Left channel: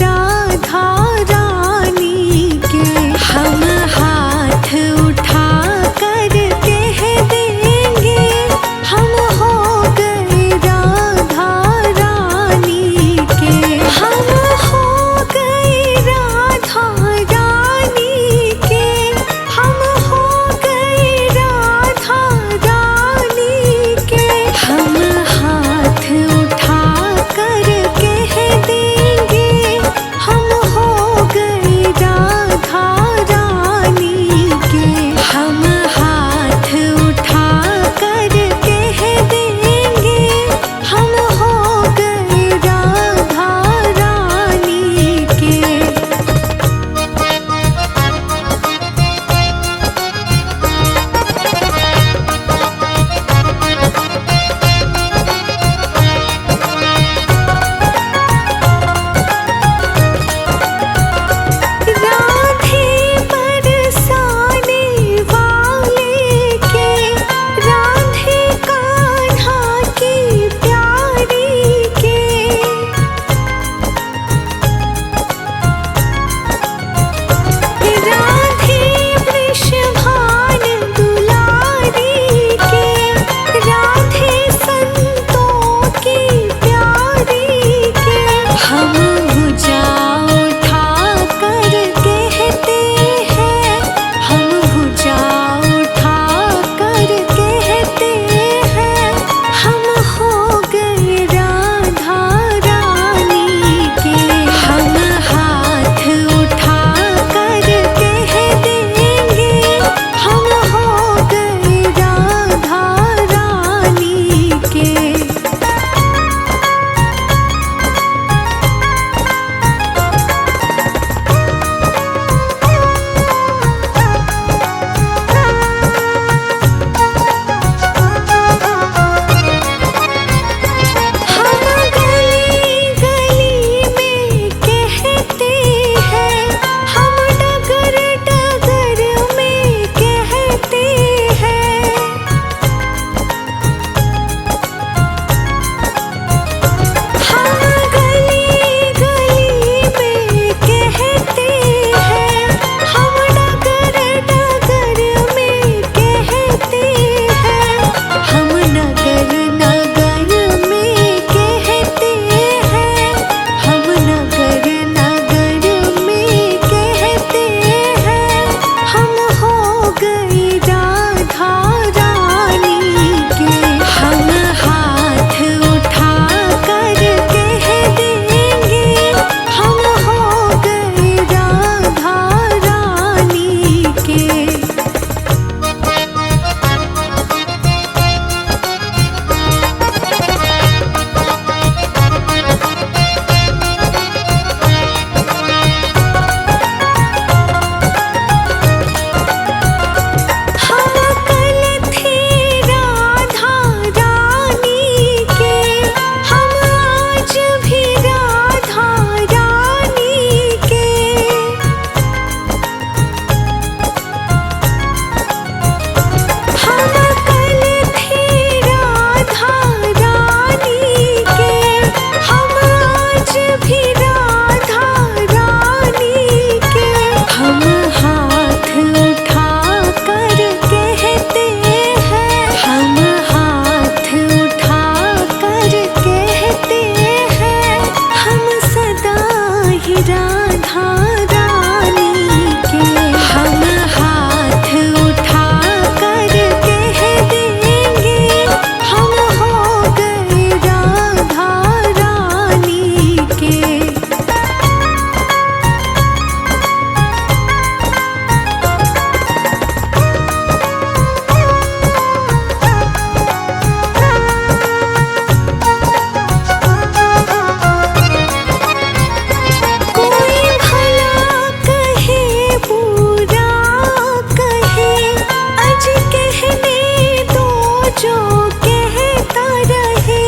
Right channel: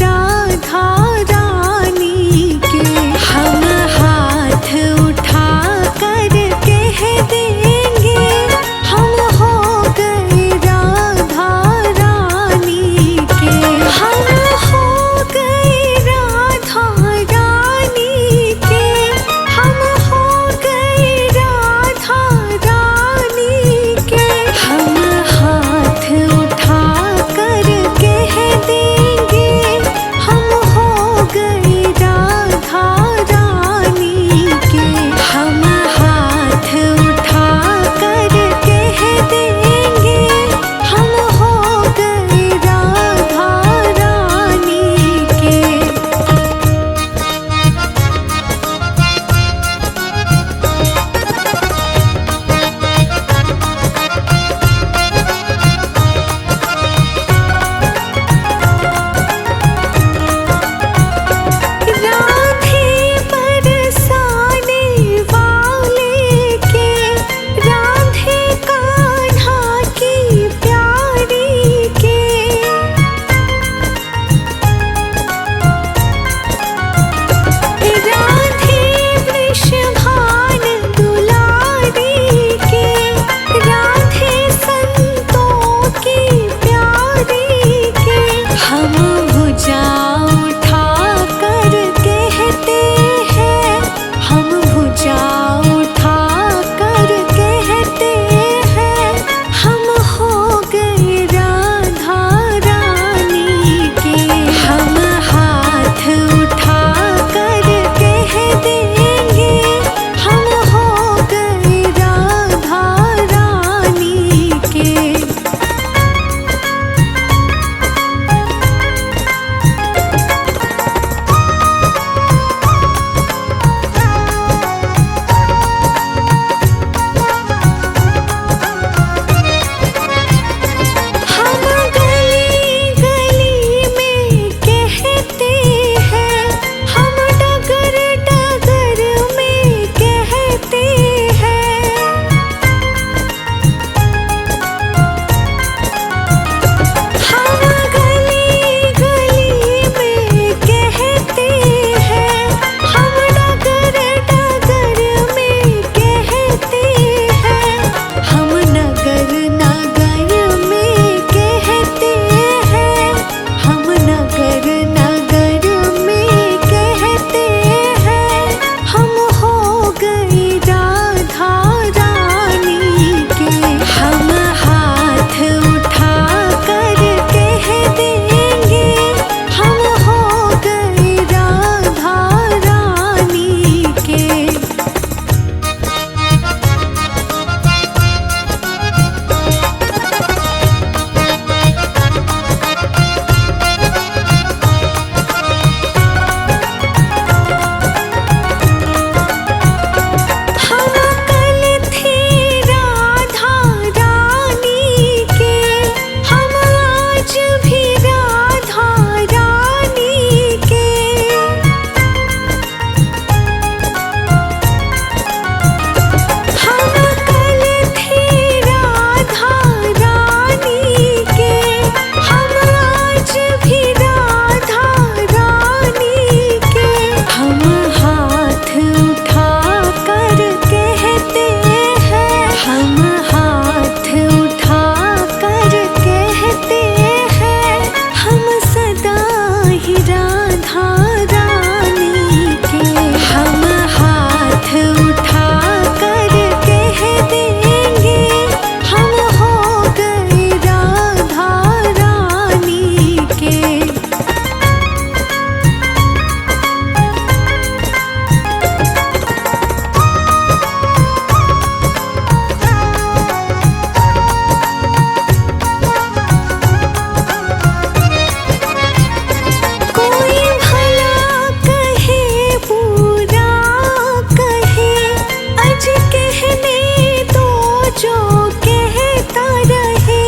राधा रानी के। हम हाथ उठा कर कह देंगे हम हो गए राधा रानी के। हम हो गए राधा रानी के। हम हो गए राधा रानी के। हम हाथ उठा कर कह देंगे हम हो गए राधा रानी के। हम हाथ उठा कर कह देंगे हम हो गए राधा रानी के। राधे बरसाने वाले के। राधे कान्हा की प्यारी के। राधे वृषभान दुलारी के। राधे संतों की प्यारी के। हम भुजा उठा कर कहते हैं हम भुजा उठा कर कहते हैं हम हो गए राधा रानी के। हम हाथ उठा कर कह देंगे हम हो गए राधा रानी के। हम गली गली में कहते हैं हम डगर डगर में कहते हैं। हम गली गली में कहते हैं हम डगर डगर में कहते हैं। हम नगर नगर में कहते हैं हम नगर नगर में कहते हैं हम हो गए राधा रानी के। हम हाथ उठा कर कह देंगे हम हो गए राधा रानी के। हम कल थे राधा रानी के। हम आज भी राधा रानी के। हम कल थे राधा रानी के। हम आज भी राधा रानी के। हम हाथ उठा कर कहते हैं हम हाथ उठा कर कहते हैं हम सदा ही राधा रानी के। हम हाथ उठा कर कह देंगे हम हो गए राधा रानी के। कोई भला कहे बुरा कहे अज कहने दो जो कहता रहे।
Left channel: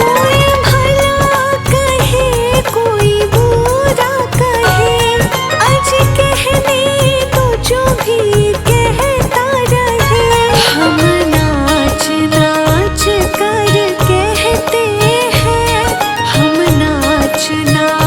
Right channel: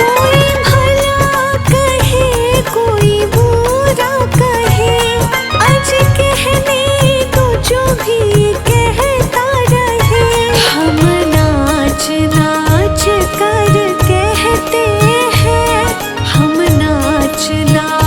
कोई भला कहे कोई बुरा कहे अज कहने दो जो भी कहता रहे। हम नाच नाच कर कुछ ना